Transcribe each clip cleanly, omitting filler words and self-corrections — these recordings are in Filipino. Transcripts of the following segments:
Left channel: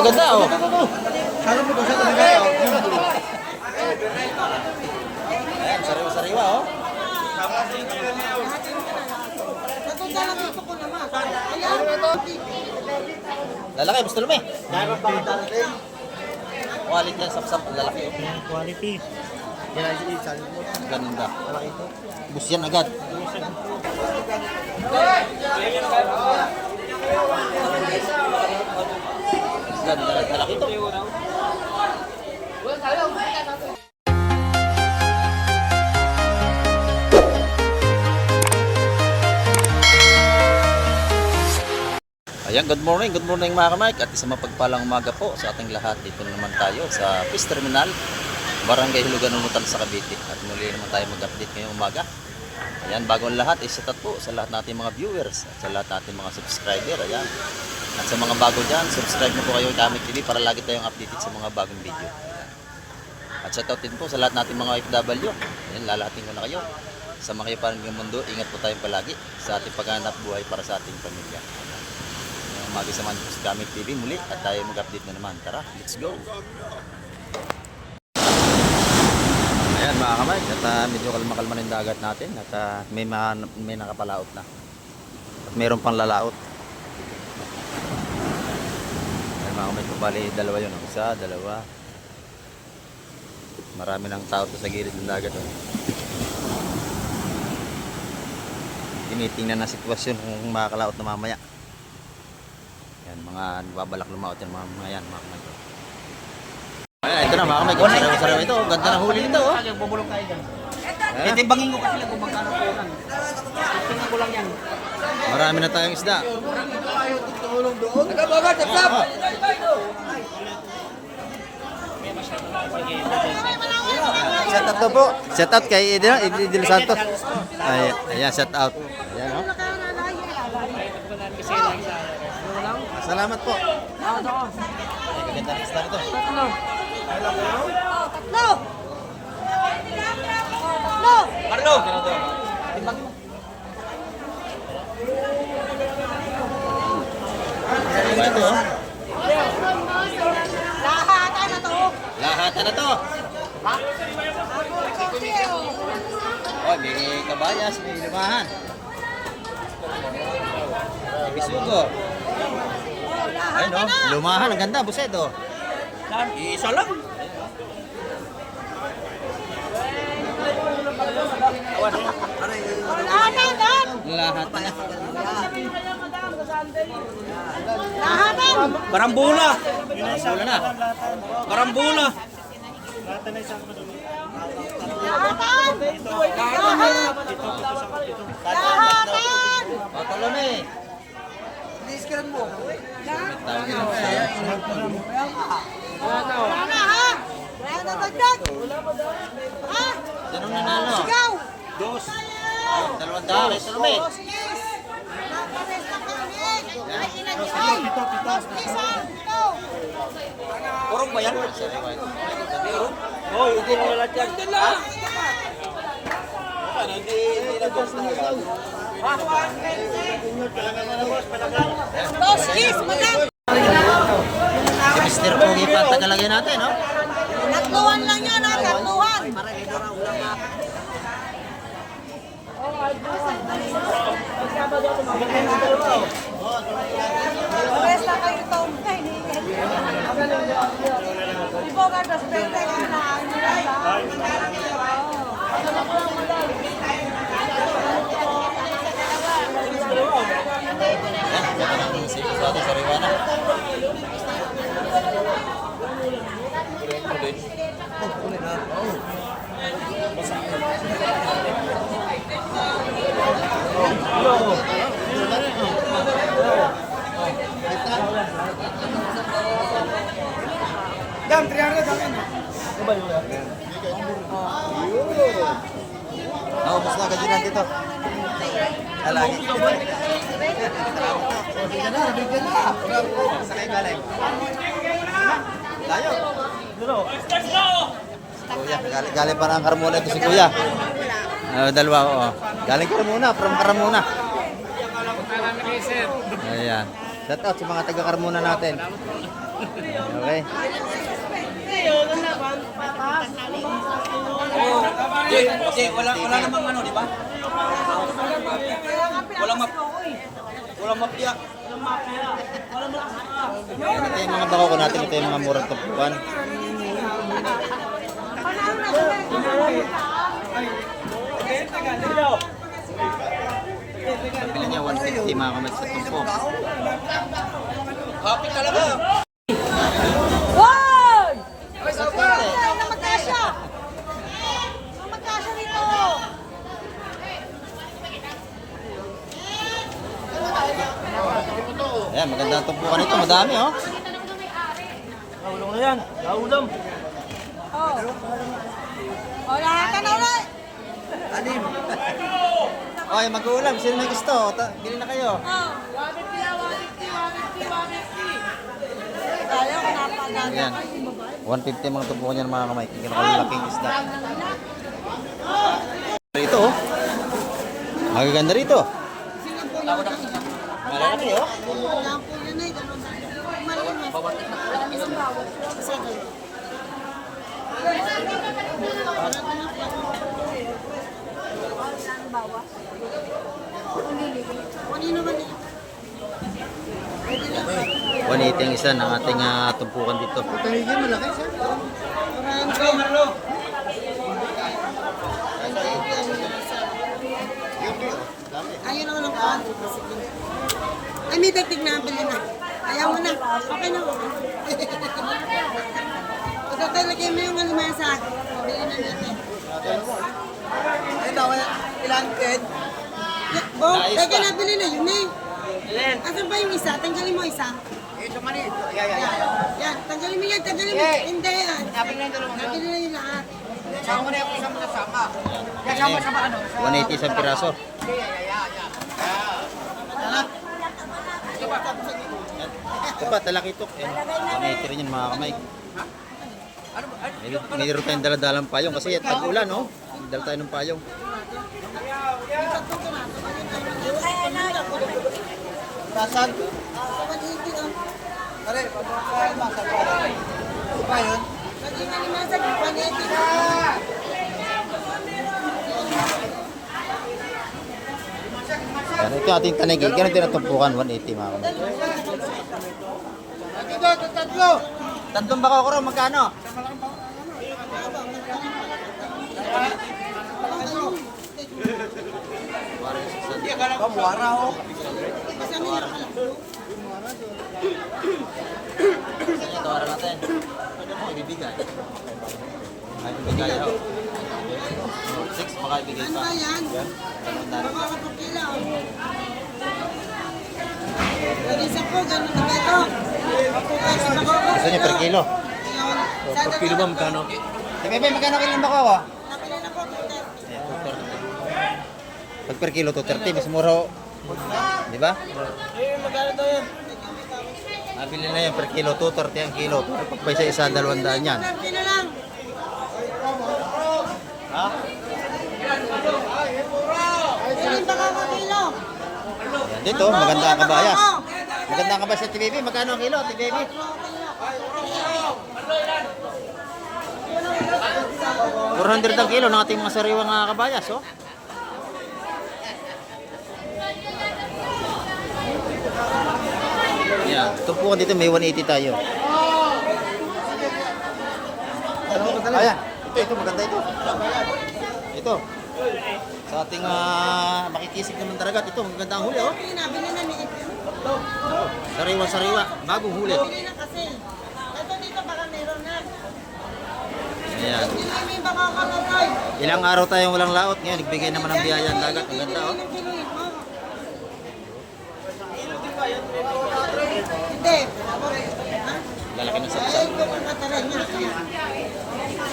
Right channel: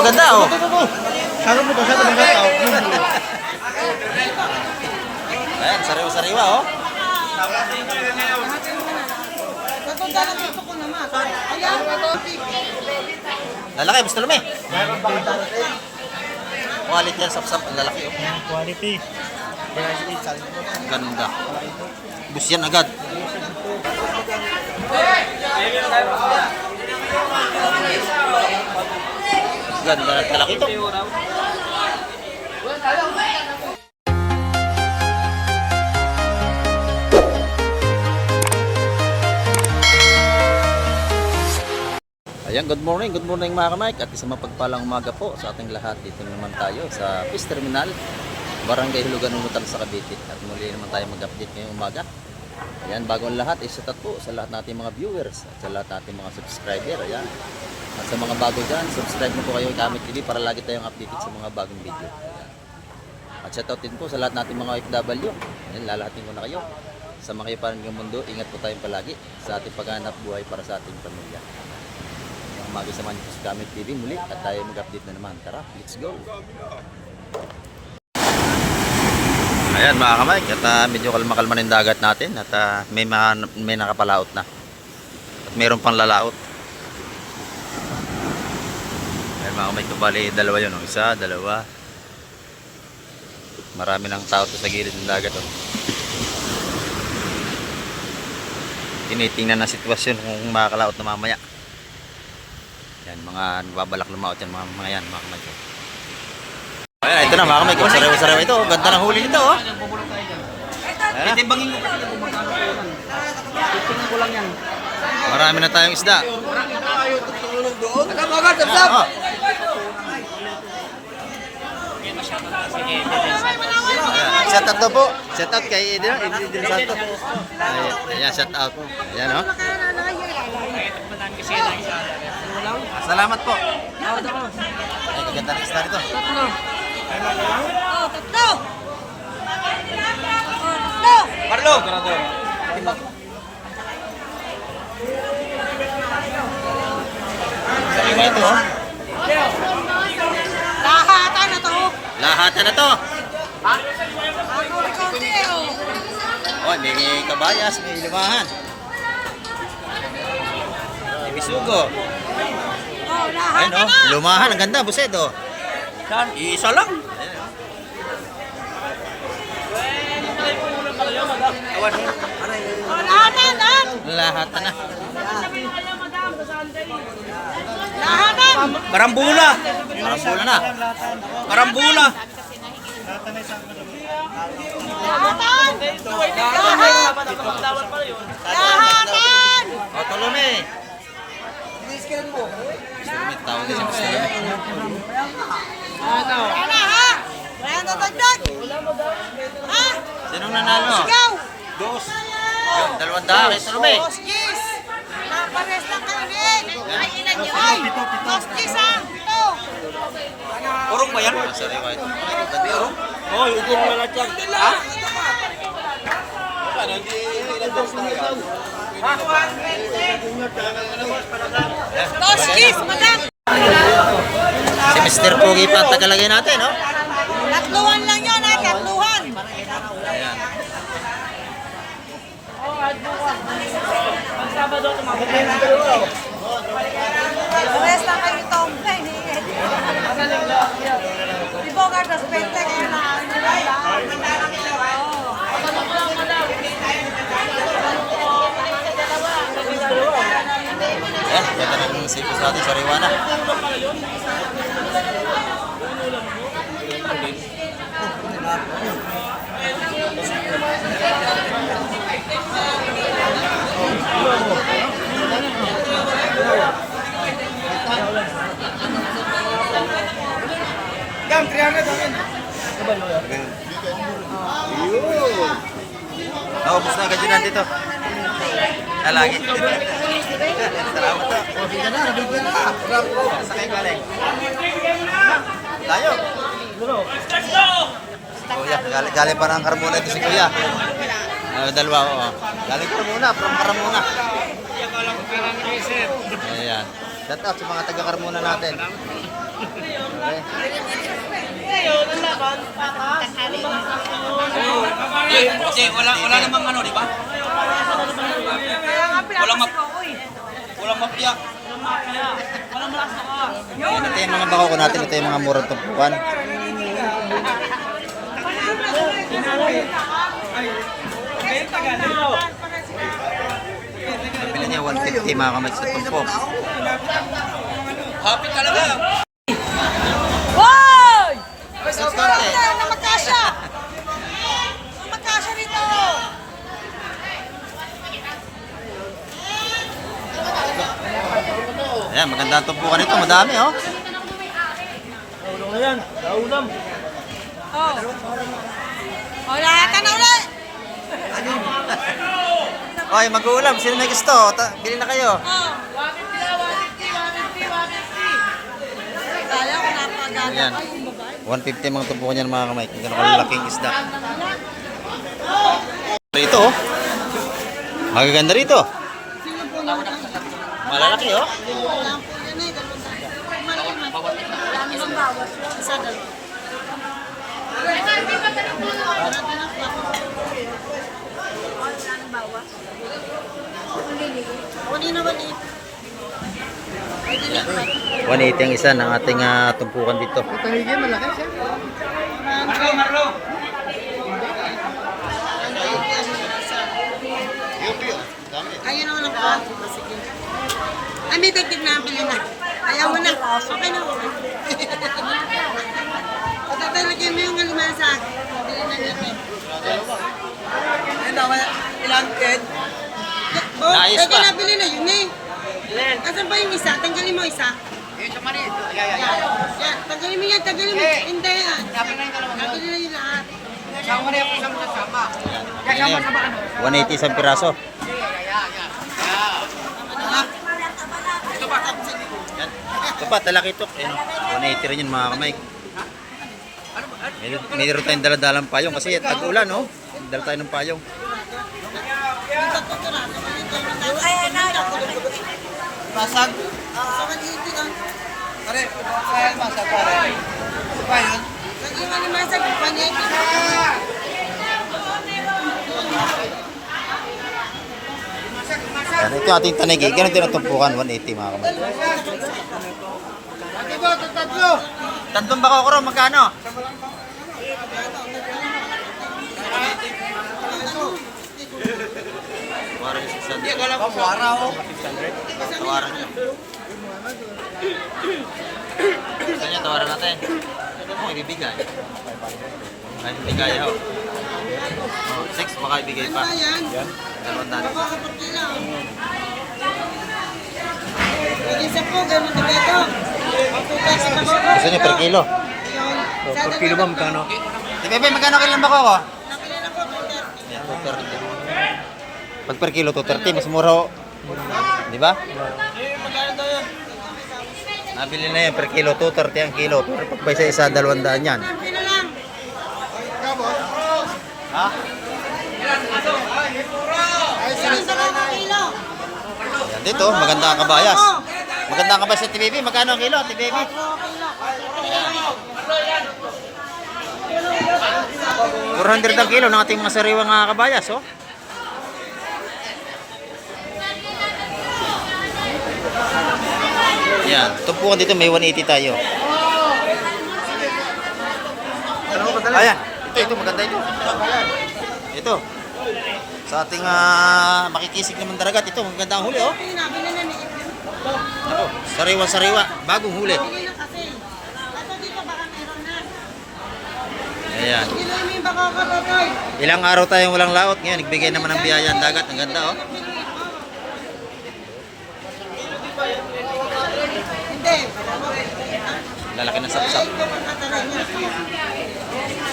maganda oh. Saan mo to? Saan mo to? Ayan, sariwa-sariwa oh. Lalaki, gusto lumi. Quality yan, sap-sap, ang lalaki oh. Quality. Ganda. Bus yan agad. Ganda ng lalaki ito. Ayan, good morning mga ka-Mike at isang mapagpalang umaga po sa ating lahat. Dito naman tayo sa Fish Terminal, Barangay Hulugan, Nunutan sa Cavite. At muli naman tayo mag-update ngayong umaga. Ayan, bagong lahat, isatat po sa lahat nating mga viewers at sa lahat nating mga subscriber. Ayan. At sa mga bago dyan, subscribe mo po kayo kay Kamik TV para lagi tayong updated sa mga bagong video. Ayan. At shoutout din po sa lahat nating mga OFW. Ayan, lalahatin ko na kayo. Sa mga iparang ng mundo, ingat po tayong palagi sa ating paghanap buhay para sa ating pamilya. Magisamahan niyo po sa Kamik TV muli at tayo mag-update na naman. Tara, let's go! Ayan mga ka-Mike, at medyo kalma-kalma na yung dagat natin at may nakapalaot na at mayroon pang lalaot. Ayan mga ka-Mike, bali dalawa yun, oh. Isa, dalawa. Marami ng tao sa gilid ng dagat oh. Tinitingnan na sitwasyon kung makakalaot na mamaya. Yan, mga nababalak lumaot yan, mga yan, mga kamay ko. Ayan, ito na mga kamay ko, sariwa-sariwa ito. Ganda ng huli nito, oh. Titimbangin mo kasi kung magkano po lang. Titingnan ko lang yan. Marami na tayong isda. Nagkabagat, sab! Shout out po. Shout out kay Idil Santos. Ayan, shout out. Ayan, oh. Salamat po. Ay, kaganda ng isda nito. Tatlo. Marlo! Sariwa ito, oh. Lahatan na to. Lahatan na to. Oh, may kabayas, may lumahan. May bisugo. Ayun oh, lumahan, ang ganda, buset oh. Isa lang. Lahatan na. Lahatan. Barambula. Marambula na. Barambula. Lahatan. O, tulumi. Iskiran mo. Tulumi, tawag din sa tulumi. Ano ha? Wala na dagdag. Ha? Sinong nanalo? Sigaw. Dos. Yun, 200 kay tulumi. Boskis. Napares lang kami. Ay, ilan yun? Pito. Boskis ha? Pito. Urong ba yan? Sariwa ito. Ay, ganda oh. Hoy, upo mo na lahat yan. Ha? Paano? Hindi nag-dos na yan. Boskis, madam. Si Mr. Pogi pa ang tagalagay natin, no? Tatluhan lang yun ha, tatluhan. Pares lang kayo itong Di ba ka naspente kayo na ano Ayan, ganda ng sipos natin, sariwa na. Naubos na ganyan dito. Lagi. Salamat po. Sa kayo galing. Layo. Si Kuya, galing pa ng Carmona ito si Kuya. Dalawa ko. Galing Carmona, from Carmona. Ayan. Shout out sa mga taga Carmona natin. eh. Kasi wala namang ano, di ba? Walang mapiyak. Ito yung mga bako ko natin, ito yung mga murang tumpukan. Nabili niya 150 mga kamay sa tumpok. Happy talaga. Hoy! Basta konti. Na magkasya! Na magkasya dito! Ayan, maganda ang tumpukan nito, madami oh. Oh. Oh, lahat ka na ulit! Oy, mag-uulam, sino may gusto? Bili na kayo. Kaya ko napagaga Ayan. ka yung babae. 150 mga tumpukan niyan mga kamay. Kung gano'ng kalalaking isda. Rito oh. Magaganda rito. Malalaki oh. Isang bawat. Isa dalawa. Kunin naman eh. 180 ang isa ng ating tumpukan dito. Ayun naman ang kwarto. Sige. Ay, may dagdag na bili na. Ayaw mo na. Okay na. Pagkatalagyan mo yung aliman sa akin. Bili na nito. Ilan, Ed? Oh, Naayos teka pa. na, bili na yun eh. Asan ba yung isa? Tanggalin mo isa. Yan, tanggalin mo yan, tanggalin mo. Hindi yan. Tanggalin na yung lahat. Sama na yung isang kasama. Ayan, 180 isang piraso. Yan. Ito pa, talakitok. Ayan, 180 rin yun mga kamay. Mayroon tayong daladalang payong kasi tag-ulan, no? Dala tayo ng payong. Basag. Sa 180 lang. Pare, kaya masag pare. Ito pa yun? Nag-iwan naman sa 180. Yan, ito yung ating tanigi. Ganun din ang tumpukan, 180 mga kamay. Tatlong bako ko rin, magkano? Hindi, akala ko buwara oh. Tawaran niyo. Gusto niyo, tawaran natin. Ano mo, ibibigay? Ay, ibigay ako. 6, baka ibigay pa. Ayan. Dalawang natin. Isa po, gano'n na ito. Gusto niyo per kilo? Per kilo ba magkano? Di Bebe, magkano kilo ng bako ko? Nakila na po, 230. Ayan, 230. Pag per kilo, 230. Mas mura ho. Di ba? Nabili na yan per kilo, 230 ang kilo. Pero pag pa isa-isa, 200 yan. Kilo lang. Ha? Ilan ba ka kilo? Yan dito, maganda ang kabayas. Maganda ang kabayas sa TBB. Magkano ang kilo, TBB? 400 ang kilo ng ating mga sariwang kabayas, oh. Yan, tumpukan dito may 180 tayo. Ayan, ito maganda ito. Ito. Sa ating makikisig naman daragat, ito maganda ang huli, oh. Nabili na ni Ito. Ako, sariwa-sariwa, bagong huli. Bili na kasi. Ito dito baka meron na. Ayan. Hindi lang may baka kalagay. Ilang araw tayong walang laot, ngayon nagbigay naman ng biyaya ang dagat, ang ganda, oh. Hindi. Lalaki ng sapsap. Ito ang katalan niya.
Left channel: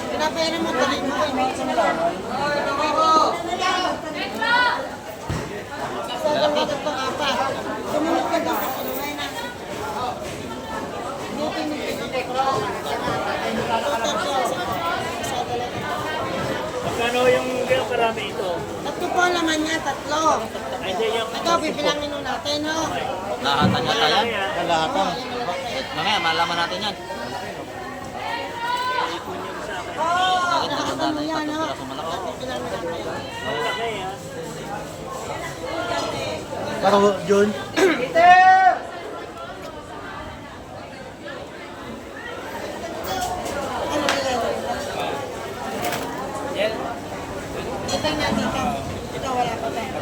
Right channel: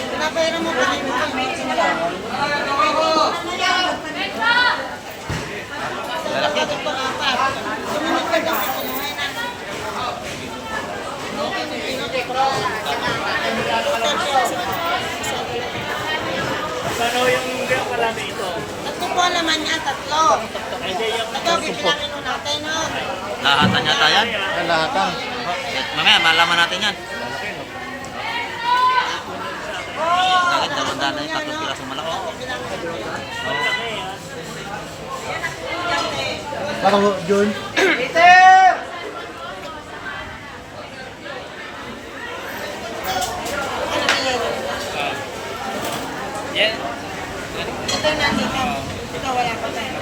Pinapera mo tayo mo. Lalaki. Sumunod ka daw sa kulungan na. Ano yung karami ito? Tatlo po ang laman niya, tatlo. Ito, bibilangin mo natin, no? Lahatan yata yan. Lahatan. Mamaya, malaman natin yan. Bakit dalawang na yung tatlong piraso malaki? Parang John. Ito na dito. Ito wala pa tayo.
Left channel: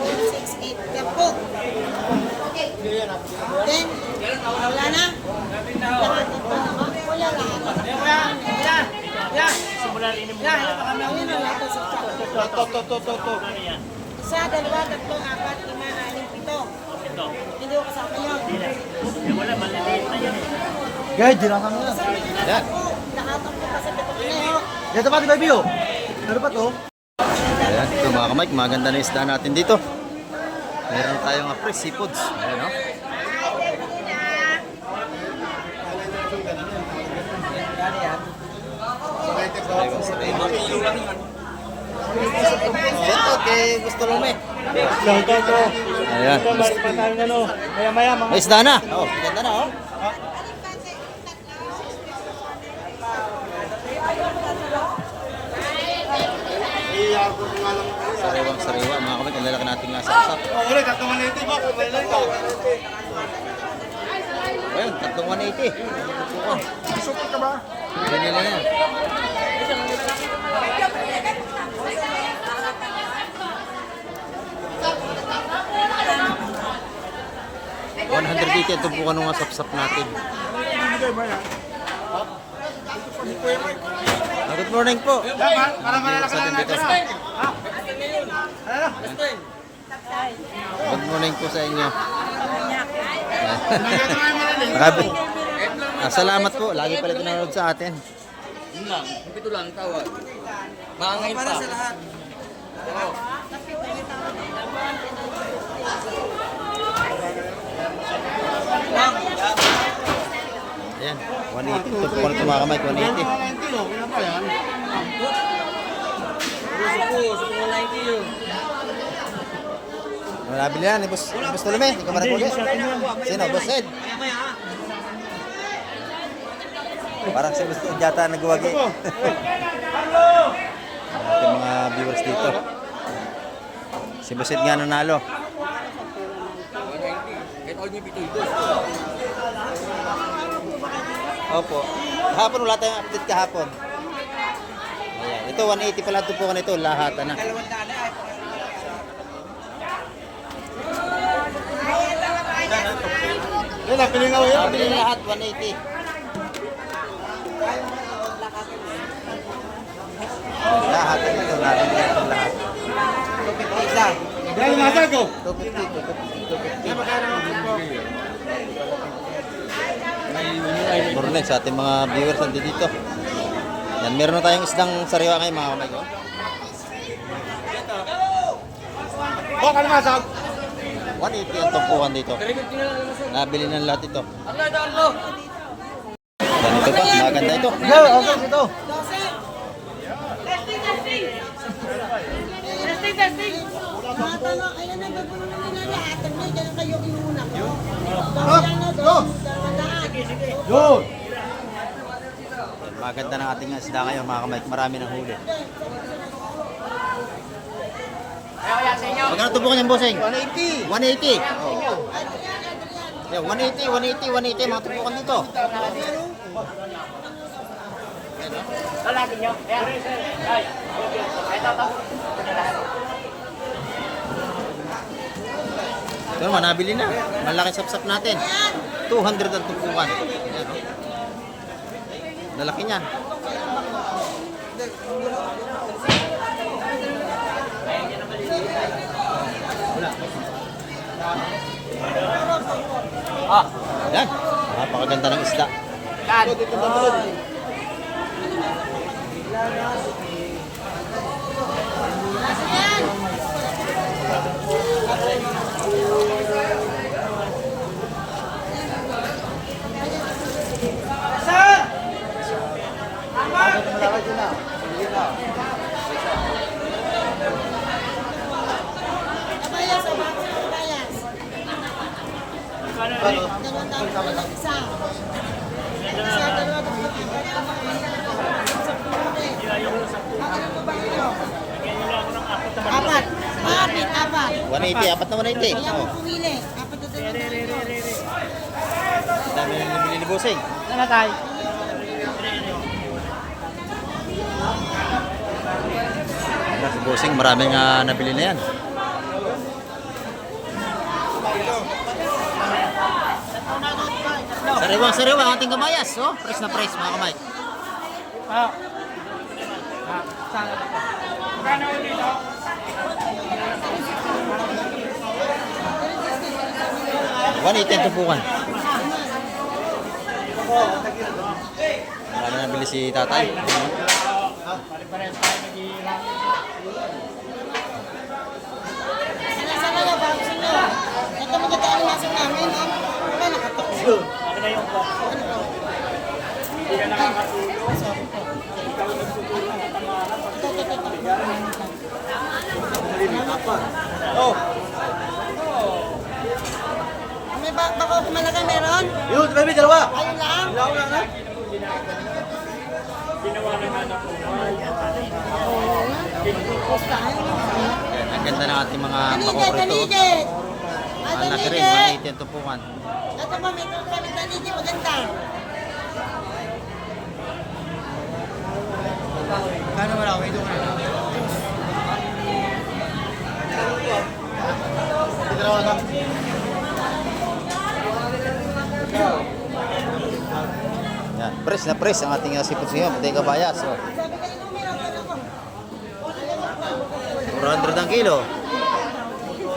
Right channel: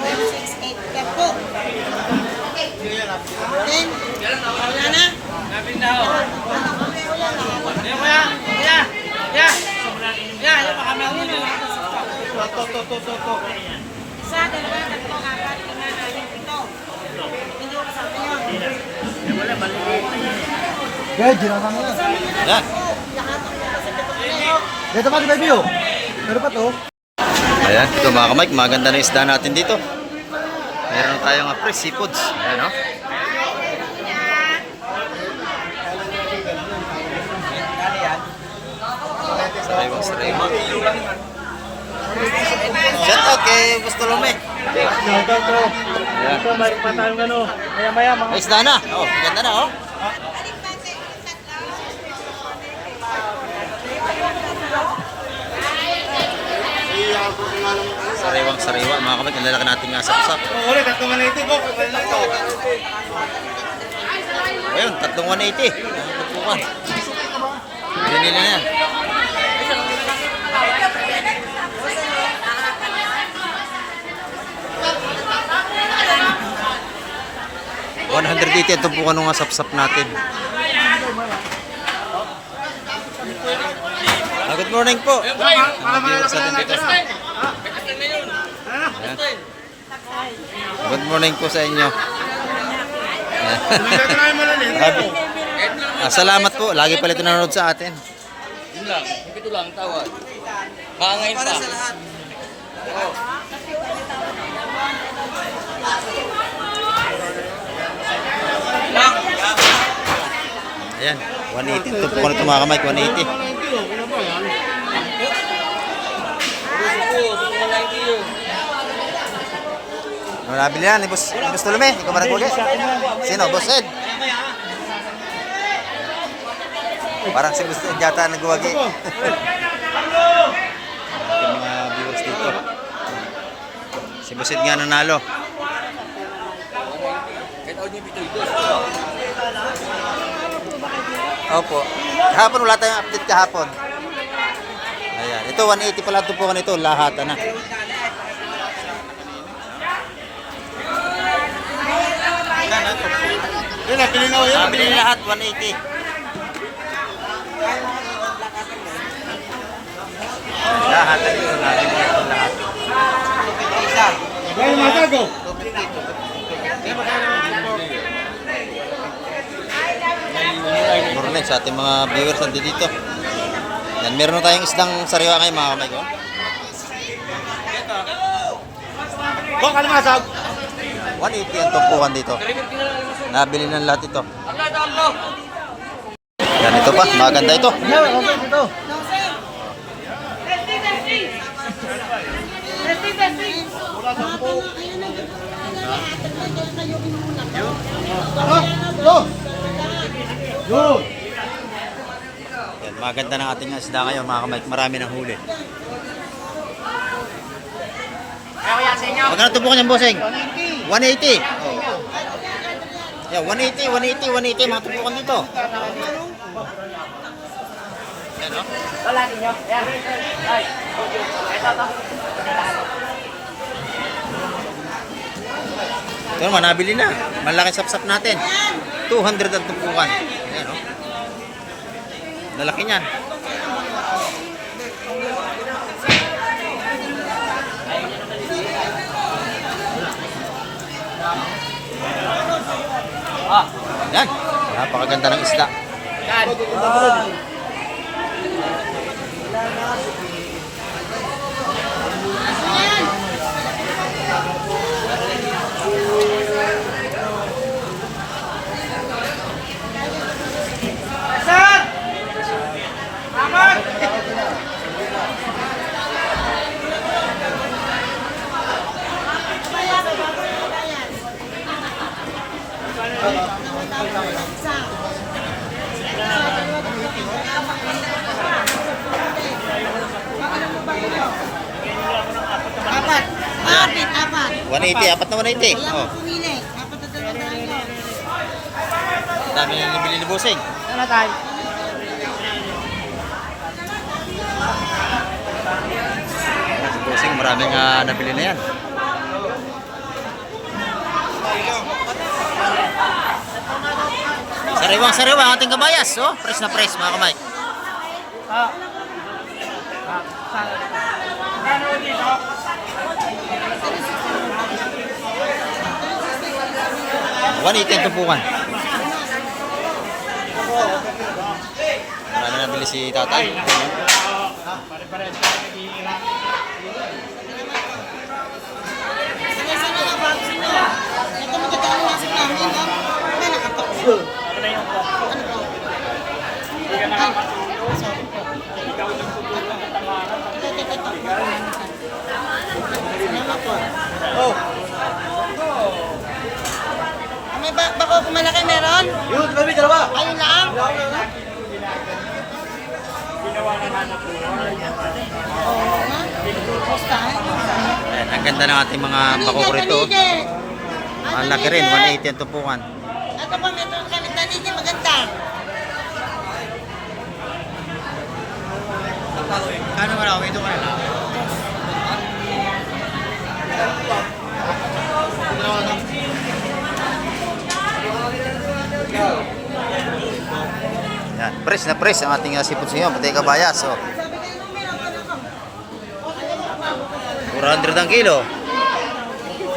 168. Yan po. Then, wala na? Isa, dalawa, tatlo, apat, lima, anim, ito. Hindi ko kasama yun. Guys, dinatan mo yan. Yan. Lahat ang mga sa pitong leo. Dito pa, di ba, Bio? Meron pa to. Ayan, ito mga kamay, maganda na yung isda natin dito. Meron tayong fresh seafoods. Ayan, oh. Sariwa. Shout out kay Gusto Lome. Ito. Ayan. Ito, mayroon pa tayong ano. Maya-maya mga. May isda na. Oh, ganda na, oh. Sariwang sariwa, mga kamay, ang lalaki natin nga sapsap. Ayun, 3,180. Tagpukan. Binili na yan. $180 ang tumpukan ng sapsap natin. Good morning po. Mga viewers natin dito. Ayan. Good morning po sa inyo. Grabe. Salamat po. Lagi pala ito nanonood sa atin. Yun lang. Ito lang tawad. Maangayin pa. Ayan. 180. Ito po ito mga kamay. 180. Ano nabili yan? Boss Tolome? Ikaw ba nagwagi? Sino? Boss Ed? Parang si Boss Ed yata nagwagi. Ito mga viewers dito. Si Boss Ed nga nanalo. Opo. Kahapon wala tayong update kahapon. Ayan. Ito 180 pala ito po ito. Lahata na. Yun, napili na yun. Nabili na lahat 180. Lahata nito. Nabili na ito lahat. Dahil matago. Morning sa ating mga viewers nandito dito. Yan, meron na tayong isdang sariwa ngayon mga kamay ko. Bok, kalimasag. 180 ang tumpukan dito. Nabili na lahat ito. Yan ito pa, maganda ito. Yo, okay, ito. Yo. Yan, maganda ng ating isda ngayon mga kamay. Marami ng huli. Magkano tumpukan yung bossing? 180. Oh. Yan, 180 mga tumpukan dito. Yan o. Wala ninyo. Ayan. Ay. Ito naman, nabili na. Malaki sapsap natin. 200 ang tumpukan. Yan o. Lalaki niyan. Yan. Napakaganda ng isda. 180, apat na 180. Kaya Oh. mo pumili. Dapat na dalawa. Ang dami na nabili ni Bossing. Ano tayo? Ayan, si Bossing, maraming nabili na yan. Sariwang ang ating kabayas. Oh, press na press mga kamay. Ah. 180 ang tupukan. Marami nabili si tatay. Sana na box mo. Ito maganda ang nasa namin. May nakapakso. Oh, May bako kung malaki meron? Yun, kami dalawa. Ayun lang? ayan, ang ganda ng ating mga bako rito. Ang laki rin, 180 ang tupukan. Ito po, ito kami taniti maganda. Kano mo na ako? Ito mo na. Yan, press na press ang ating sipot sa inyo, pati kabayas. Oh. 400 ang kilo.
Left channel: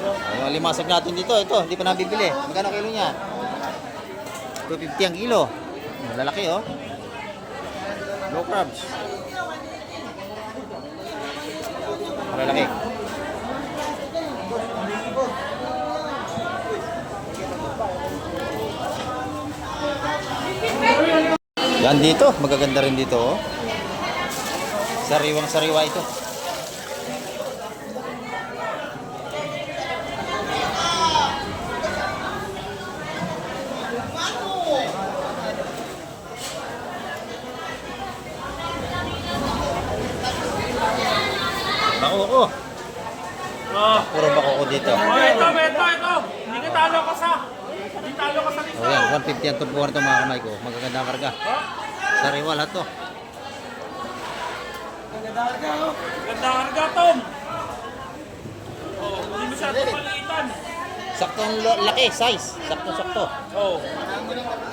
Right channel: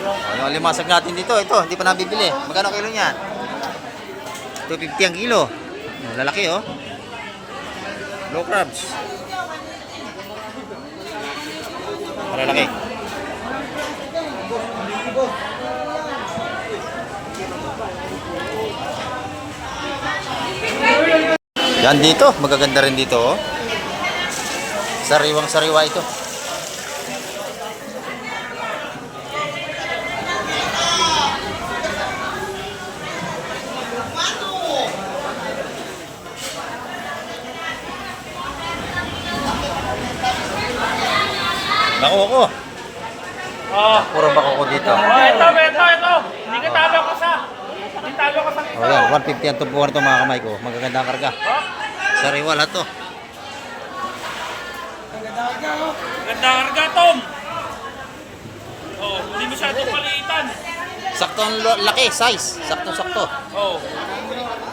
Oh, yung limasag natin dito, ito, hindi pa nabibili. Magkano kilo niyan? 250 ang kilo. Lalaki oh. Low crabs. Malalaki. Yan dito, magaganda rin dito oh. Sariwang sariwa ito. Bako ko. Puro bako ko dito. Ito. Hindi ka talo ko sa. Hindi talo ko sa. Oh yan, 150 ang tubuhan ito mga kamay ko. Magaganda ang karga. Sariwa lahat to. Ganda karga, Tom. Oh, hindi masyadong palitan. Saktong laki, size. Sakto-sakto. Oh.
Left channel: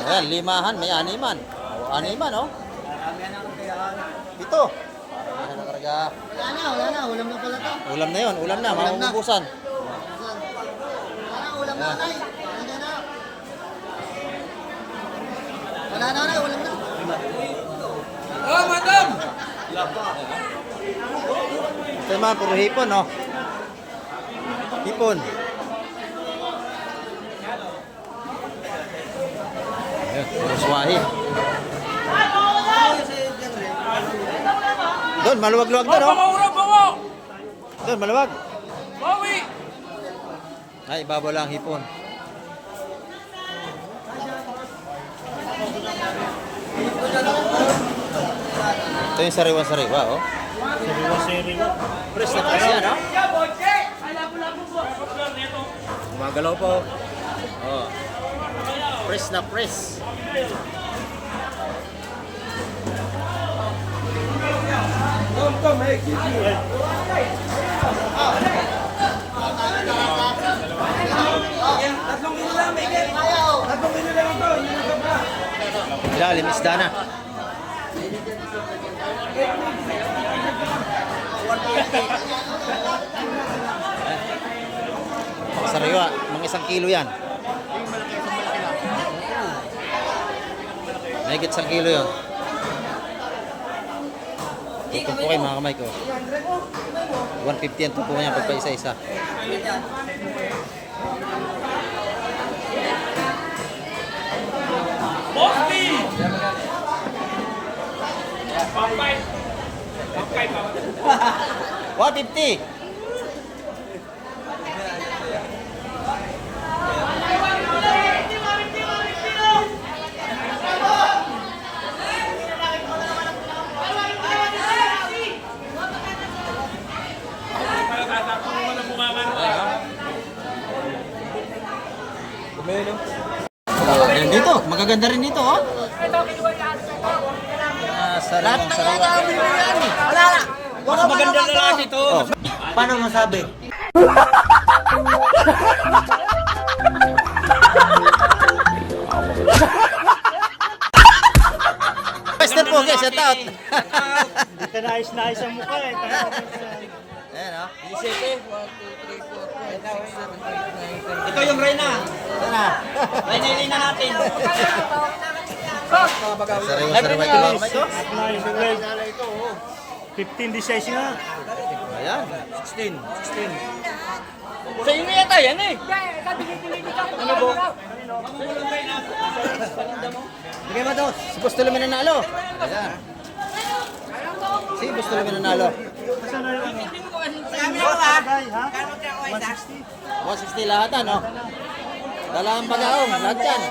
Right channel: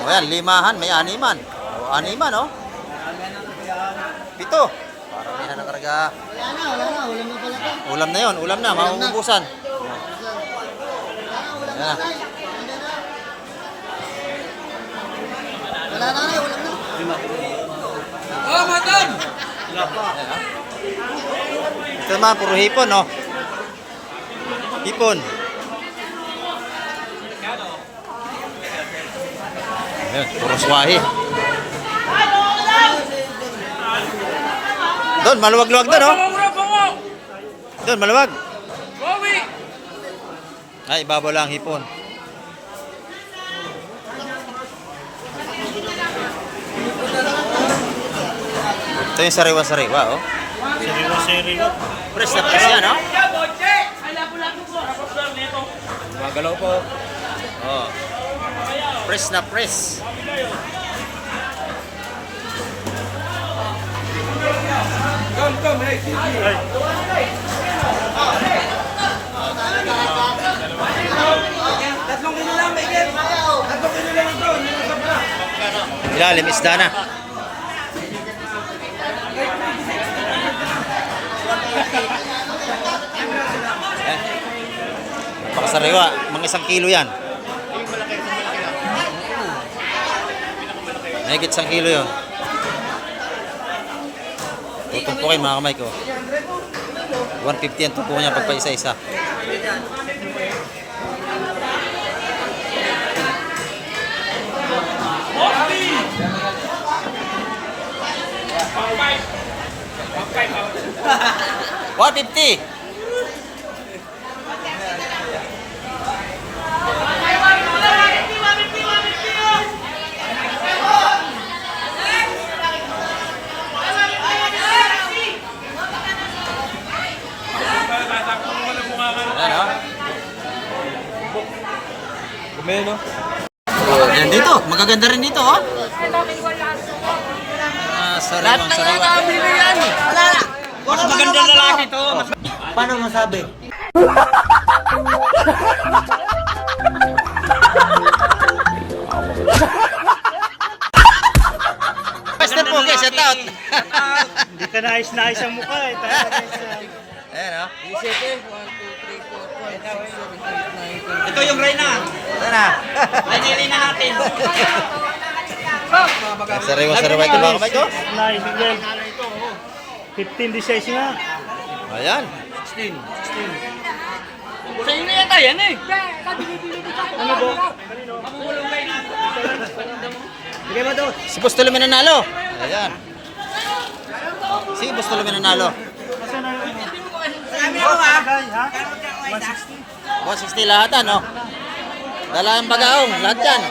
O yan, limahan, may animan. O animan, oh. 7. Paramihan ang karga. Wala na, ulam na pala to. Ulam na yon, ulam na, mauubusan. Ulam Yan. Wala na, ulam na. Oh, madam! Ito naman, puro hipon, no? Hipon. Ayan, puro swahi. Doon, maluwag-luwag doon, oh. Doon, maluwag. Ay, ibabaw lang hipon. Ito yung sariwa-sariwa, oh. Siriwa. Press na press yan, oh. Magalaw po. Oh. Press na press. Ilalim, isda na. Napakasariwa, mga 1 kilo yan. Mahigit 1 kilo yun. Tutumpukin mga kamay ko. 150 ang tumpukan niya pagpa isa-isa. $150. Ayan, oh. magaganda rin dito, oh. Sariwang sariwa. Mas magandang lalaki to. Paano masabi? Basta po, guys, shout out. Hindi ka nais-nais ang mukha eh. Ayan, oh. Ito yung Reyna. Reyna natin. Sariwang sariwa ito, mga kamay ko. 15 designs nga. Ayan. 16. Sa inyo yata yan eh. Bigay mo dos. Si Boss Tulumin nanalo. Ayan. Si Boss Tulumin nanalo. Bagay ha? 160. 160 lahat, ano? Dala ang bagaong, lahat yan.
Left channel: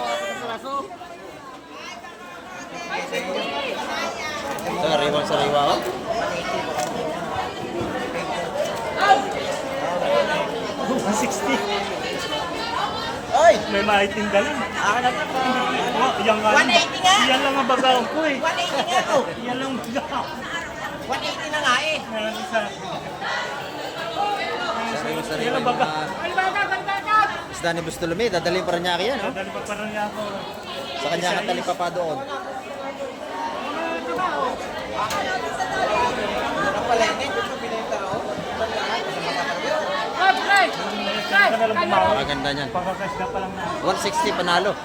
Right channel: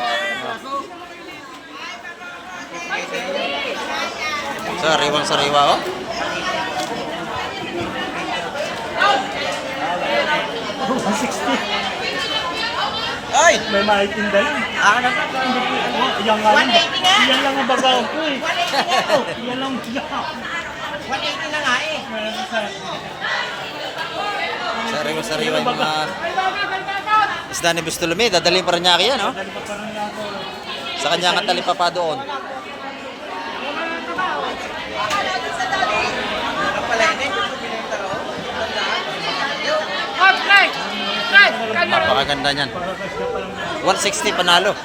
Sariwang sariwa, oh. Ay! May maitinda lang. Yan nga lang. Yan lang ang bagaw ko eh. Yan lang ang bagaw. 180 na nga eh. Sariwa sariwa yung mga isda ni Boss Tulumin. Dadalhin pa rin niya yan, oh. Dali pa parang niya ako. Sa kanya nga talipapa doon. Napakaganda niyan. 160 panalo.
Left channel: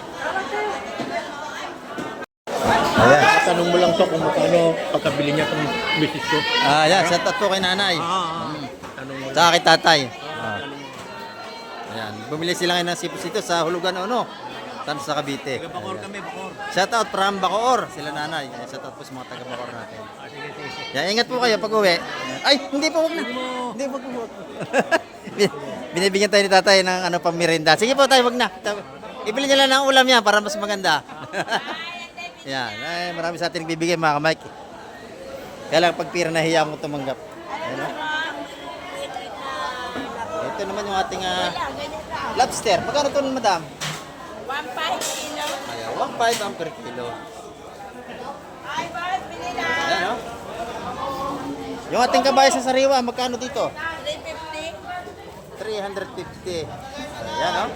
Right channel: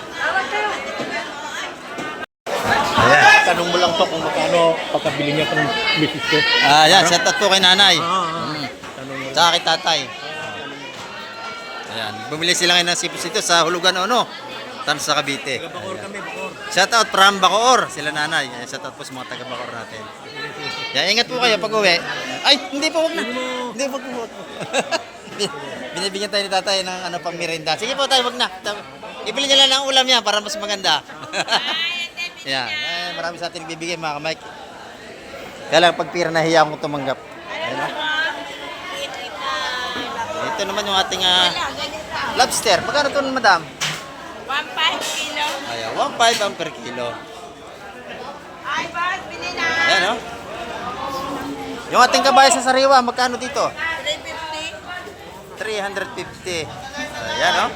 Ayan. Tanong mo lang to kung magkano pagkabili niya ng misis ko. Ayan, shout out po kay nanay. Tanong mo. Sa akin tatay. Ayan, bumili sila ngayon ng sipos dito sa Hulugan Ono, Tansa Cavite. Bakor kami, bakor. Shout out from Bacoor, sila nanay. Ayan, shout out po sa mga taga Bacoor natin. Yan, ingat po kayo pag uwi. Ay, hindi po, wag na. Hindi, wag po. Binibigyan tayo ni tatay ng ano pang merienda. Sige po tayo, wag na. Ibili niya lang ng ulam yan para mas maganda. Yan, marami sa atin nagbibigay mga kamay. Kaya lang pag pira nahiya akong tumanggap. Ayan, oh. Ito naman yung ating lobster. Magkano ito, madam? 1.5 kilo. Ayan, 1.5 ang per kilo. Ay, boss, bili na. Ayan, oh. Yung ating kabayas sa sariwa, magkano dito? 350. 350. Ayan, oh.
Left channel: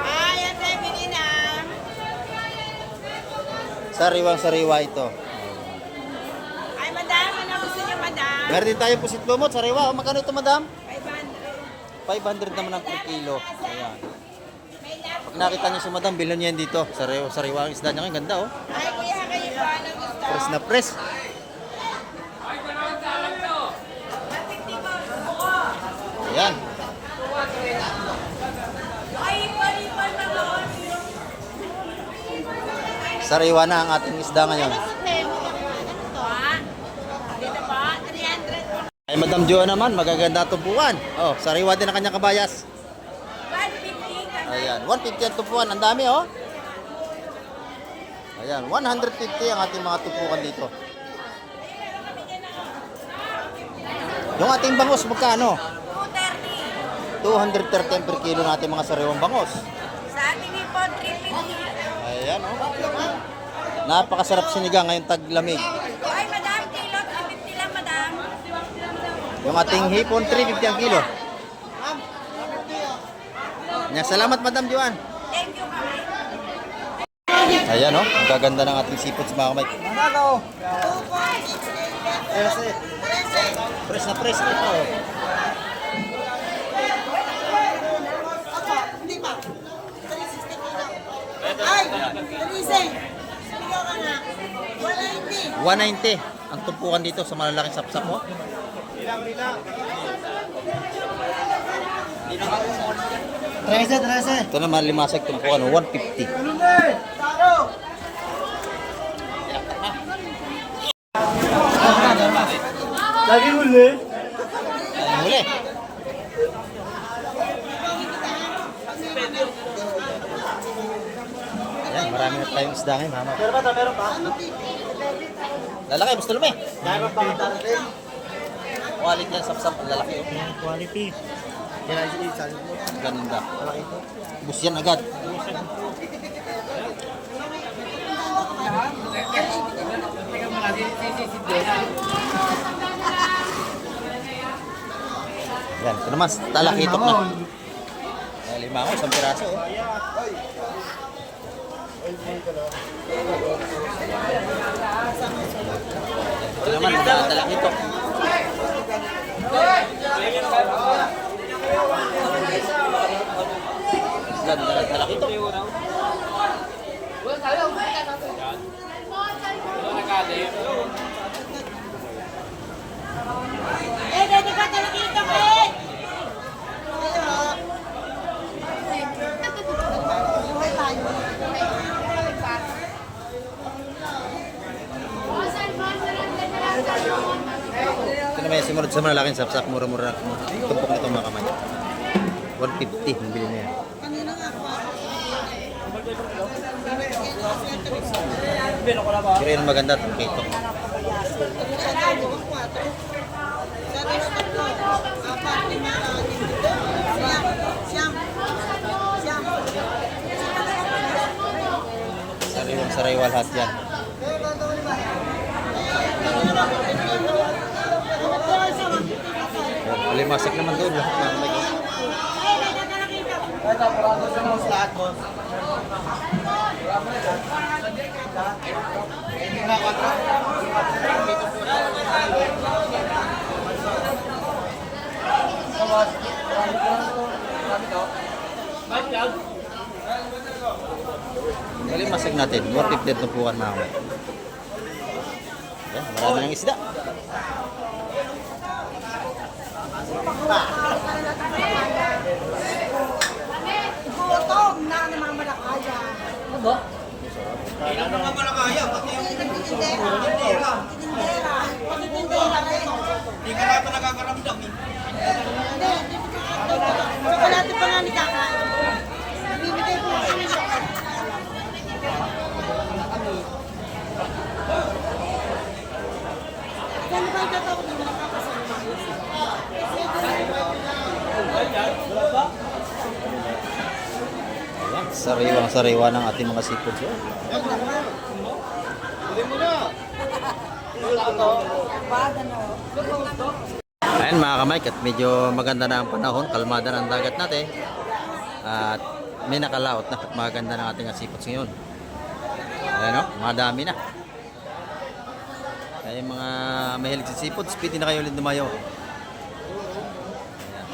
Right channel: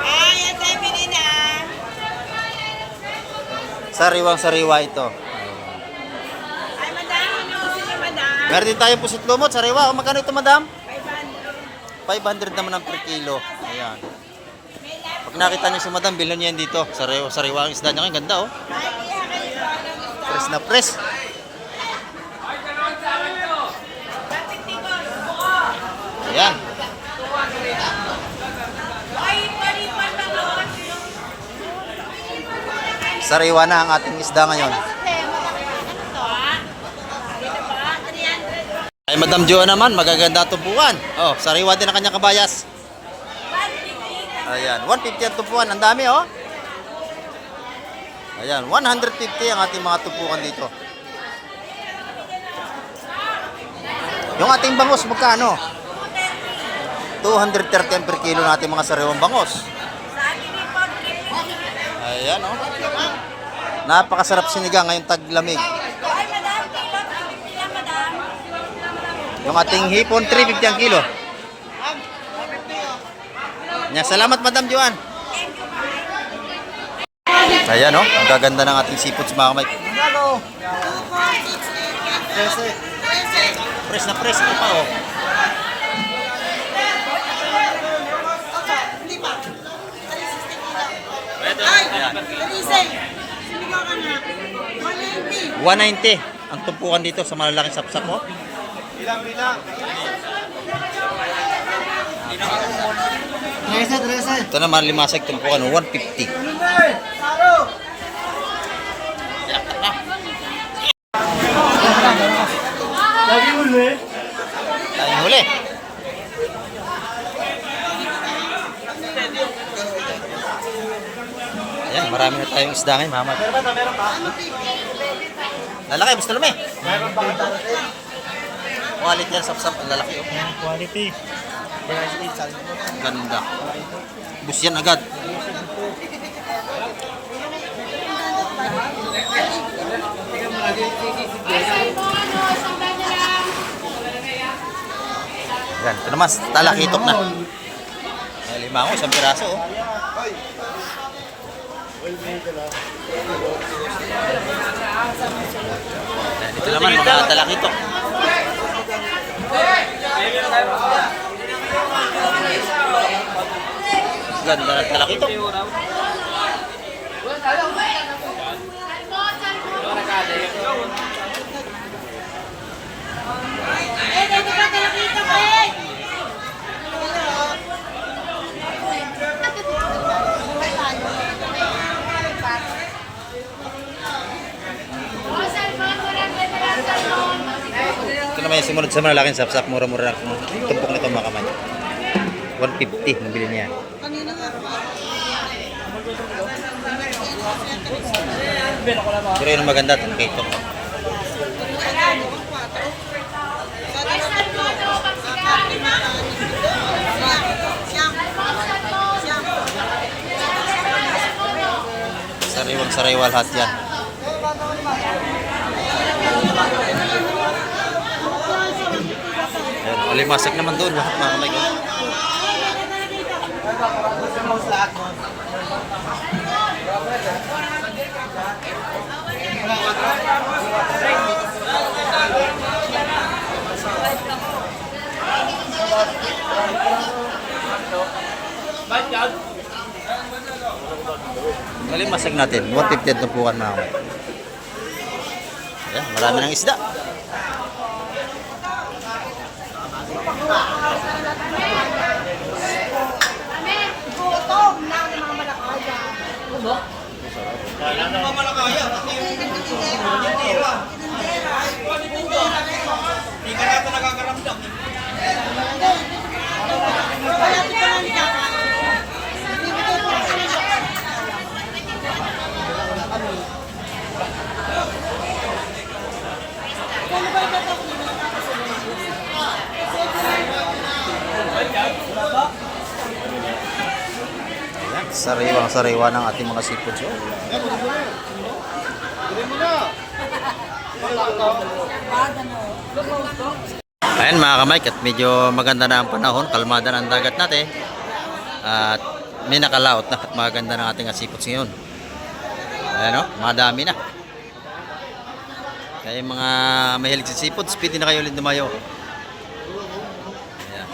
Ay, yan, bili na. Sariwang sariwa ito. Ay, madam, ano gusto niyo, madam? Meron din tayong pusit lumot, sariwa. O, magkano ito, madam? 500. 500 naman ang per kilo. Ayan. Pag nakita niyo si madam, bilhin niyo yan dito. Sariwa ang isda niya. Ang ganda, oh. Ay, kaya kayo ba? Press na press. Ayan. Sariwa na ang ating isda ngayon. Ay, Madam Jo naman, magaganda tumpuan. Oh, sariwa din ang kanyang kabayas. Ayan, 150 ang tumpuan. Ang dami, oh. Ayan, 150 ang ating mga tumpukan dito. Yung ating bangus, magkano? 230 ang per kilo natin mga sariwang bangus. Ayan, oh. Napakasarap sinigang ngayong taglamig. Ay, madam, kilo, 350 lang, madam. Yung ating hipon, 350 ang kilo. Yan, salamat, Madam Joan. Thank you, ma'am. Ayan, oh. Ang gaganda ng ating seafood sa mga kamay. Press na press. Ito pa, oh. Ay, Ayan. Marisay. Sigaw ka na. 180. 190 ang tumpukan dito sa malalaking sapsap, oh. Ito naman, limasag tumpukan, oh, 150. Lagi muli. Tayong huli. Ayan, marami na tayong isda ngayon, mama. Meron pa? Lalaki, gusto lumi. Quality yan, sapsap, ang lalaki, oh. Quality. Ganda. Bus yan agad. Yan, ito naman, talakitok na. May limango, isang piraso. Oh. Yan, ito naman, mga talakitok. Ganda na talakitok. Ito naman yung sumunod sa malalaking sapsap, mura-mura na tumpok nito mga kamay. 150 ang bili niya. Pero yun ang maganda, talakitok. Sariwang-sariwa lahat yan. Ayan, alimasag naman doon lahat mga kamay ko. Alimasag natin, 150 na pukan mga kamay. Ayan, marami ng isda. Gutom na ng mga malakaya. Kailan naman malakaya? Tindera. Hindi ka natin nakakaramdam. Wala ito pa nga nikakain. Bibigay ko sa inyo. Kung ba ito ako nila Ayan, sariwang-sariwa ng ating mga seafood. So. Ayan mga kamay, at medyo maganda na ang panahon, kalmada na ang dagat natin. At may nakalaot na at maganda ng ating seafoods ngayon. Ayan o, madami na. Kaya yung mga mahilig sa seafoods, pwede na kayo ulit dumayo. Ayan.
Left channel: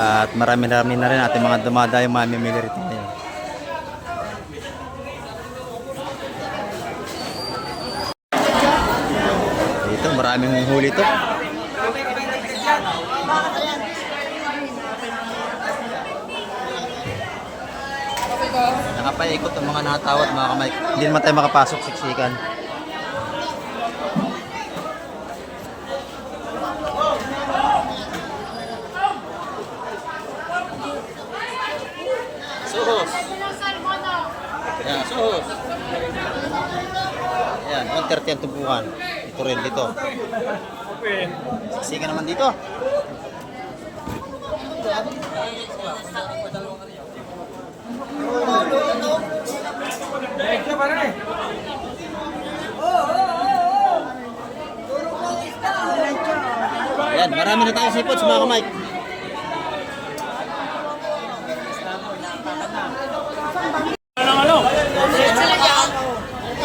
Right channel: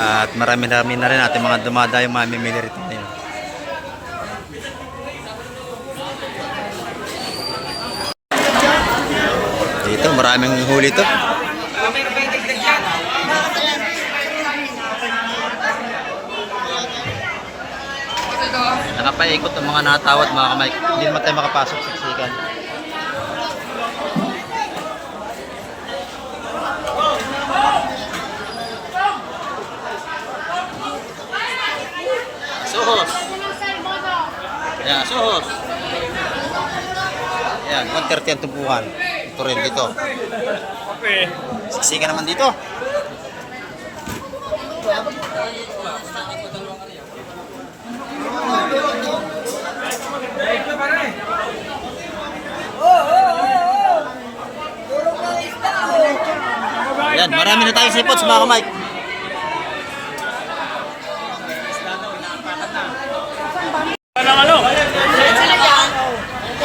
At marami-rami na rin ating mga dumadayong mamimili rito ngayon. Dito, maraming huli to. Nakapaikot ang mga natawad mga kamay. Hindi naman tayo makapasok siksikan. Suhos. Ayan, suhos. Ayan, 130 ang tumpukan. Ito rin dito. Siksikan naman dito. Ayan, marami na tayong seafoods mga kamay.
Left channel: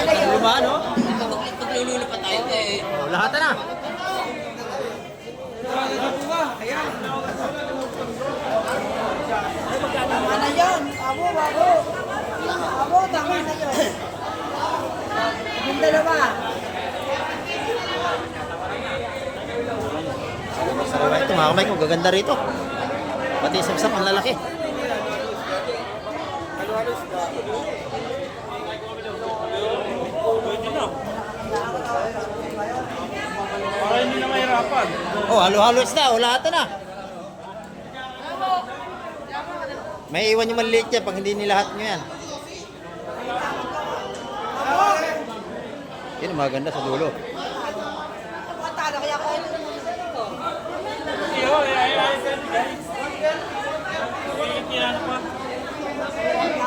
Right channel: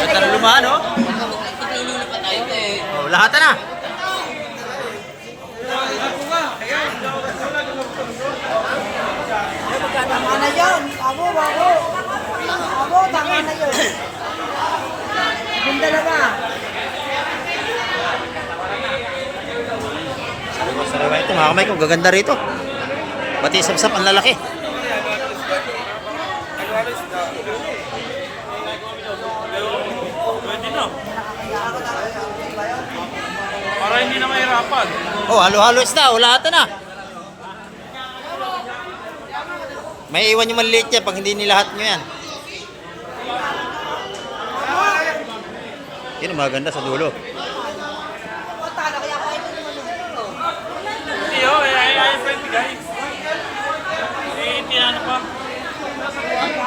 Ito na lumahan, no? Oh, lahat na. Tama na yun. Abo, tama na yun. Yung dalawa. Sariwa ito mga kamay ko, gaganda rito. Pati sapsap ang lalaki. Pwede na. Para hindi na mahirapan. Oh, halo-halo isda, oh, lahat na. May iwan yung maliit yan pag hindi nilahat nyo yan. Yun ang maganda sa dulo. Hindi oh, ay pwede guys. Tinano pa.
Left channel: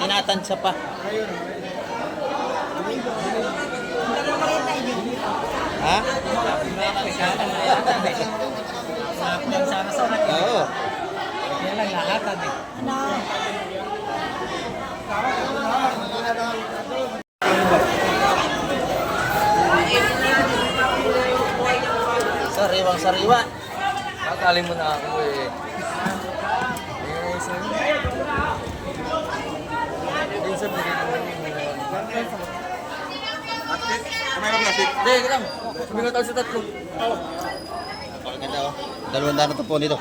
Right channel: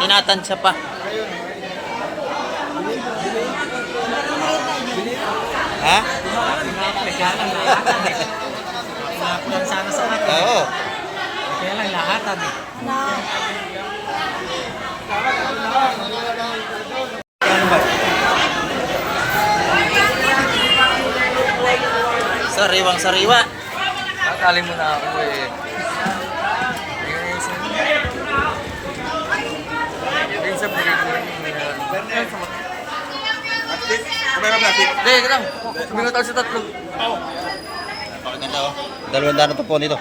Tinatansya pa. Ha? Oo. Kaya lang lahat eh. Sariwang sariwa. Tatali mo na ako eh. Yung sa bigay ko Hindi, lang. Sumingot ako sa tatlo. Napakaganda oh. 200 na to po nito.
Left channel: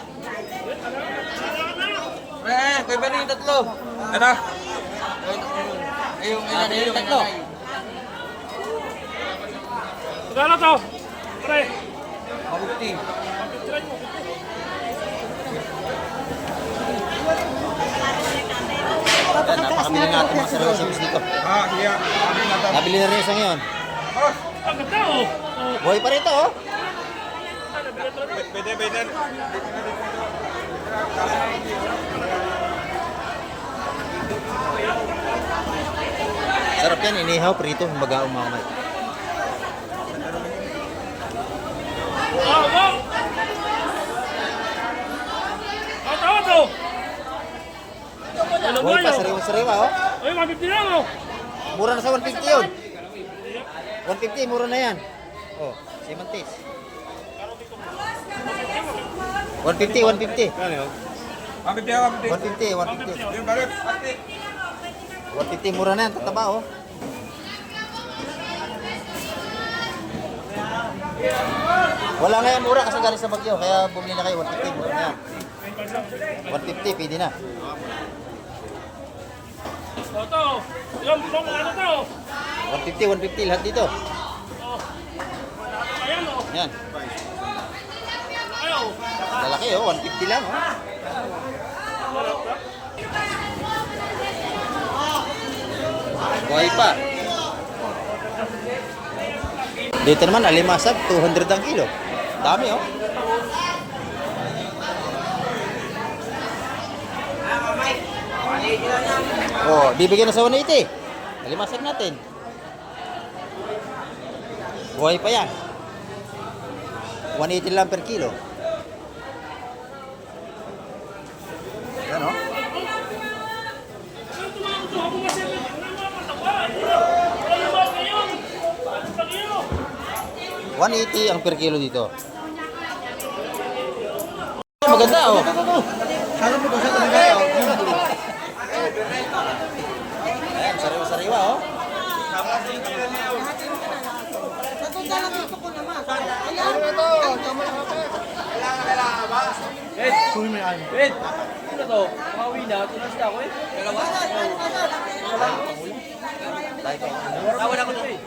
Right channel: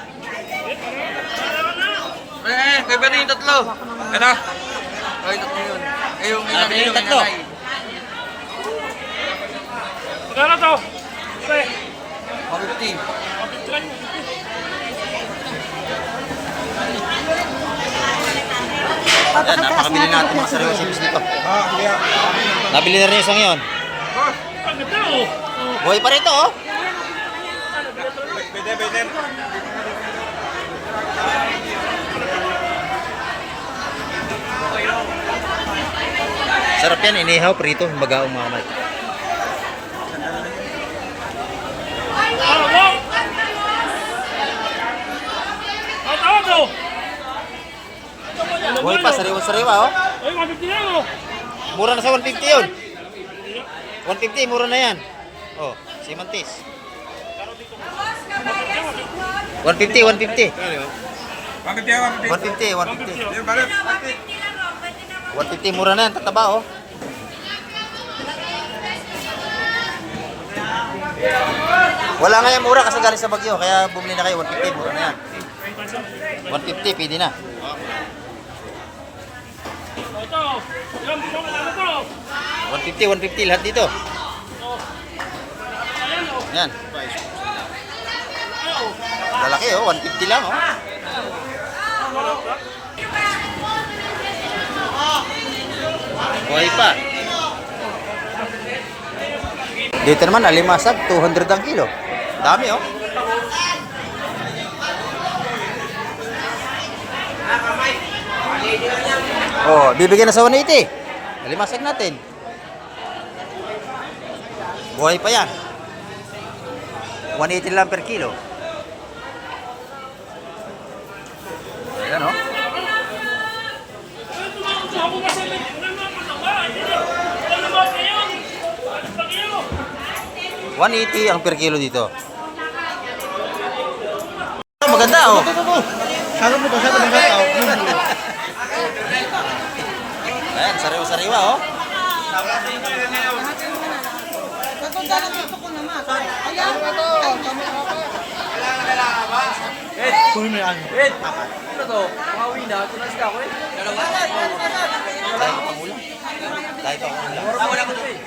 Kaya ba na yung tatlo? Ano? Kaya yung tatlo yun. Eh, yung Sabi yung tatlo. Magkano to? Pre, 50. Yan, napakabili natin mga sariwa chips dito. Nabili na rin yung isang yun. ang ganda oh. Buhay pa rito oh. Sarap yan, inihaw, prito, bagaong mga kamay. Mo! Tawa to! Ano Buhay pa, sariwa-sariwa oh. Ay, 150 lang oh. Mura na sa 150 yun. 150, mura na yan. Oh, si Mantis. 150, 150. 150, 150, mura na yan, tataba oh. Wala nga yan mura kasi galing sa Bagyo, kaya bumili na kayo, 150, mura na yan. 150, pwede na. Ito, yung ano to? 150, 150, lahat dito. Ayan oh. Yan. Ayaw. Lalaki oh, 150 lang oh. Buhay pa. Dito naman, alimasag, 200 ang kilo. Dami oh. Oh, bibigyan na sa 180. Alimasag natin. Buhay pa yan. 180 lang per kilo. Ayan oh. Ako kasi may mga mataba. Ano ba kayo? Ano ba kayo? 180 ang per kilo dito. Oh, maganda oh. Ayan, sariwa-sariwa oh. Natunggalan dito ko naman. Ayan. Ed! Ano to? Pangawi na. Tunas ka ako eh. Dalawa? Tayo pang ulam. Tayo pang ulam. Wala ko to eh.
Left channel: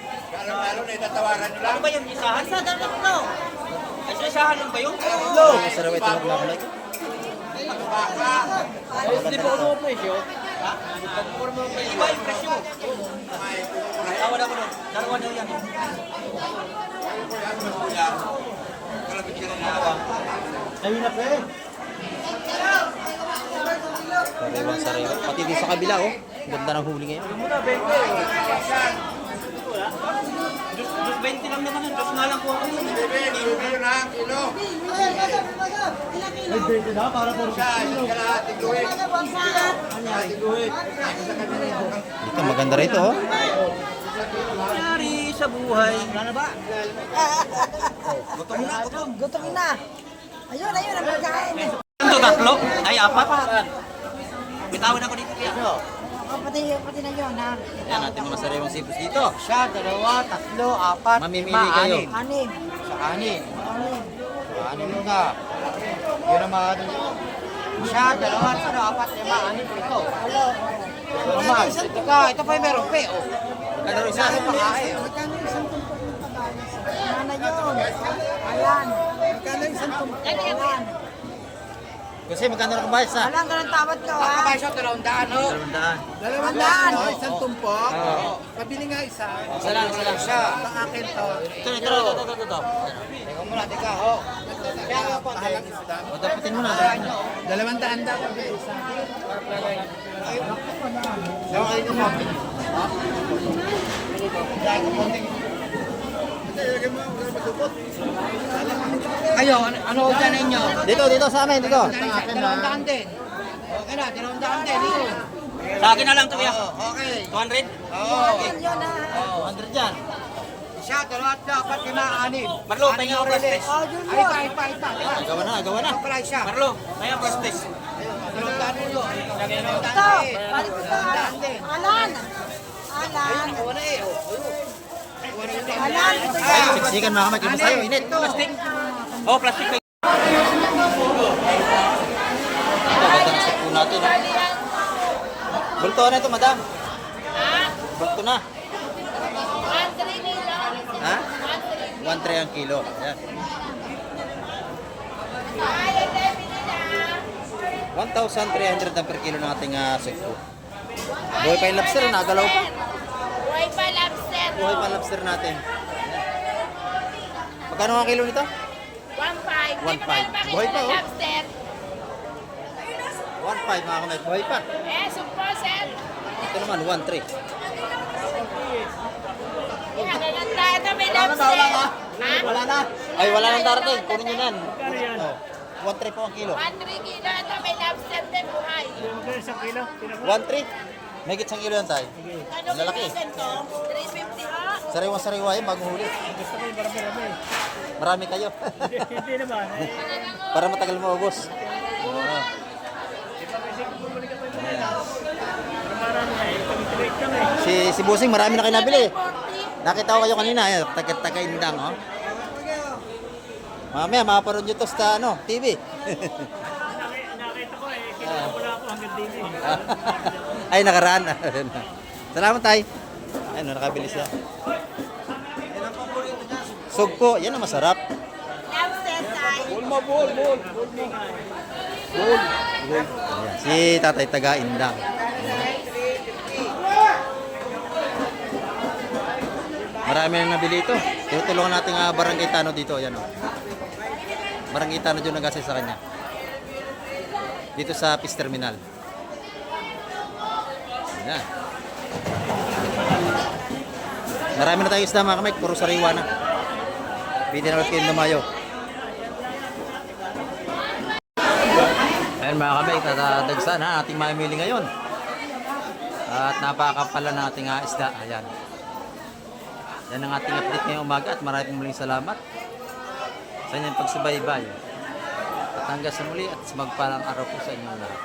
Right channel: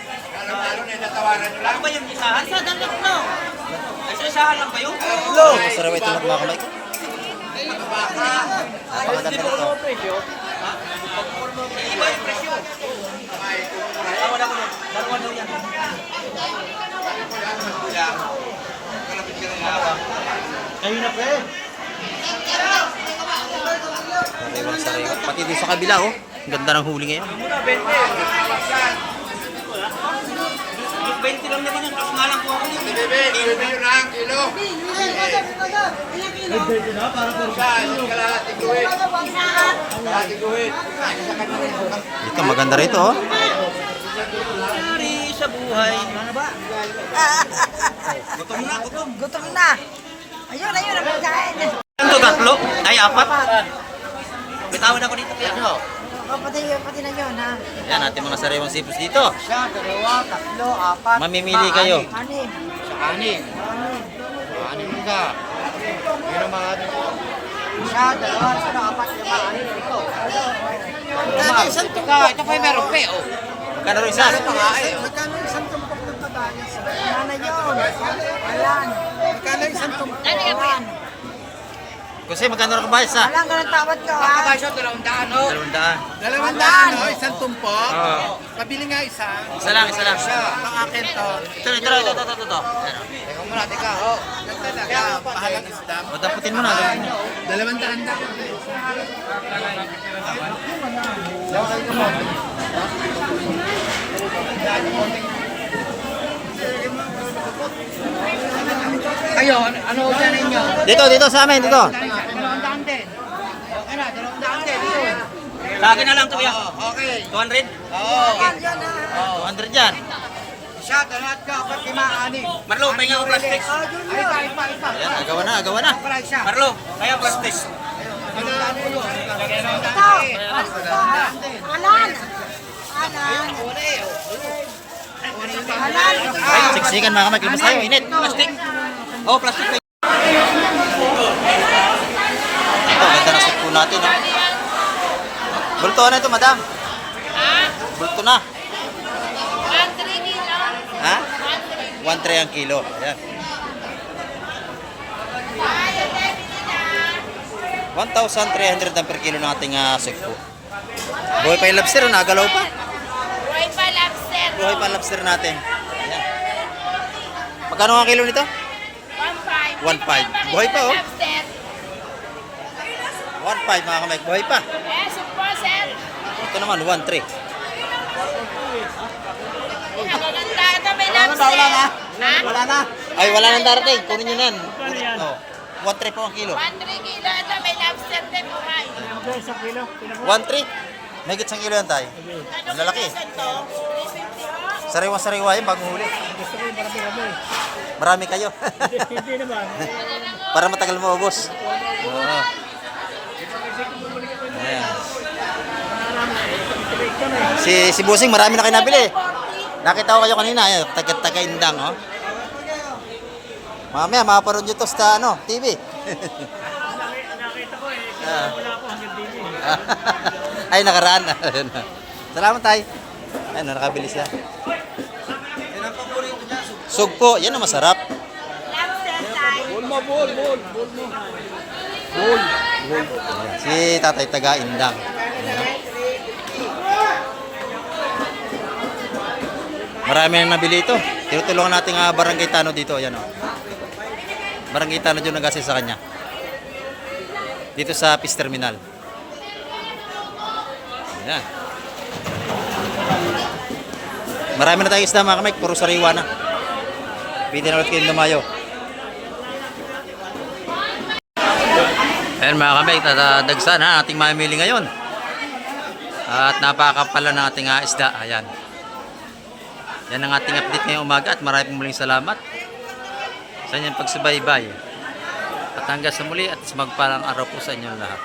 Ano ba yung isahan? Sa dapat no. Ay, sa isahan lang ba yun? Sariwa ito lang mga kamay ko. Napakaganda nito. Ha? Iba yung presyo. Wala ko doon. Dalawa daw yan. Sariwa. Pati doon sa kabila oh. Ang ganda ng huli ngayon. Muna, 20. 20 lang naman yun. Tapos nga lang po ako yun. Dito maganda rito oh. Sorry sa buhay. Ano ba? Gutom na, gutom. Gutom na. Ayun, ayun, ang pagkain. Ito tatlo? Ay, apat? Bitawan ako dito kaya. Ano? Pati na yun, ha? Yan natin mga sariwang sipos dito. Siya, dalawa, tatlo, apat. Mamimili kayo. Anim. Anim. Anim. Anim mo ka. Yun ang mga Siya, dalawa, tatlo, apat. Anim. Isang tuka. Ito pa yung meron pa eh. Oh. Magkano rin isa? Magkano isang tumpok ng kabayas? Ano yun? Ayan. Magkano isang tumpok? Ayan. Kasi magkano na kabayas ha? Walang ganun tawad ka, ha? Kakabay siya, 200 oh. 200. 200. Isang tumpok. Oo. Pabili nga isa. Isa lang, isa lang. Ang akin to. Ito. Ayan, oh. Ikaw muna, tika. Oh. Yan talaga. Pahalang isda. O, daputin mo na. Daputin mo. 200 daw. Kayo, ano dyan ninyo? Dito sa amin, dito. 200 din. Okay na, 200 din. Sa akin na lang to, kuya. Okay. 200? Oo. 200 yan. Siya, lahat ka, 5, 6. Marlo, pahinga ko plastic. Ay, pa. Ayan, agawa na. Price siya. Marlo, pahinga ko plastic. Siksikan mga kamay, kilabas tayo, init. Plastic. Oh, plastic. Ito, ganda ng sukpo natin, ha? Bulto na ito, madam. Bulto na. Ha? 1.3 ang kilo. Ayan. 1,300 ang per kilo ng ating sukpo. Buhay pa yung lobster, nagalaw pa. Buhay pa lobster. Buhay pa ang lobster natin. Ayan. Magkano ang kilo nito? 1.5. 1.5. Buhay pa, oh. Lobster. 1.5 mga kamay, buhay pa. Sumpo, sir. Ito naman, 1.3. Maganda. Ito may lobster. Ha? Wala na. Ay, wala nang darating. Kunin nyo na yan. Oh, 1.3 po ang kilo. 1.3 kilo. Ito may lobster din buhay. Sa kilo. 1.3? May gitsang kilo yan tayo. Ang lalaki. Sariwa-sariwa yan, bagong huli. Marami kayo. Hindi naman. Para matagal maubos. Oo. Ayan. Si Busing, marami na kayo nabili. Nakita ko kayo kanina, taga-indang, oh. Mamaya, makaparoon nyo to sa TV. Nakita ko eh. Ah. Wala ako hanggang dito. Ay, nakaraan. Salamat, tay. Ay, nakabili siya. Sugpo, yan ang masarap. Lobster tayo. Ayan, si Tatay taga-indang. Ayan. Marami na nabili ito. Tinutulungan natin Barangay Tano dito. Ayan, oh. Barangay Tano dyan nag-assist sa kanya. Dito sa Fish Terminal. Ayan. Marami na tayong isda mga kamay. Puro sariwa na. Pwede na ulit kayong lumayo. Ayan mga kamay. Tatadagsa na ating mamimili ngayon. At napakapala ng ating isda. Ayan. Yan ang ating update ngayong umaga at maraming muling salamat sa inyong pagsubaybay. At hanggang sa muli at sa magpalang araw po sa inyong lahat.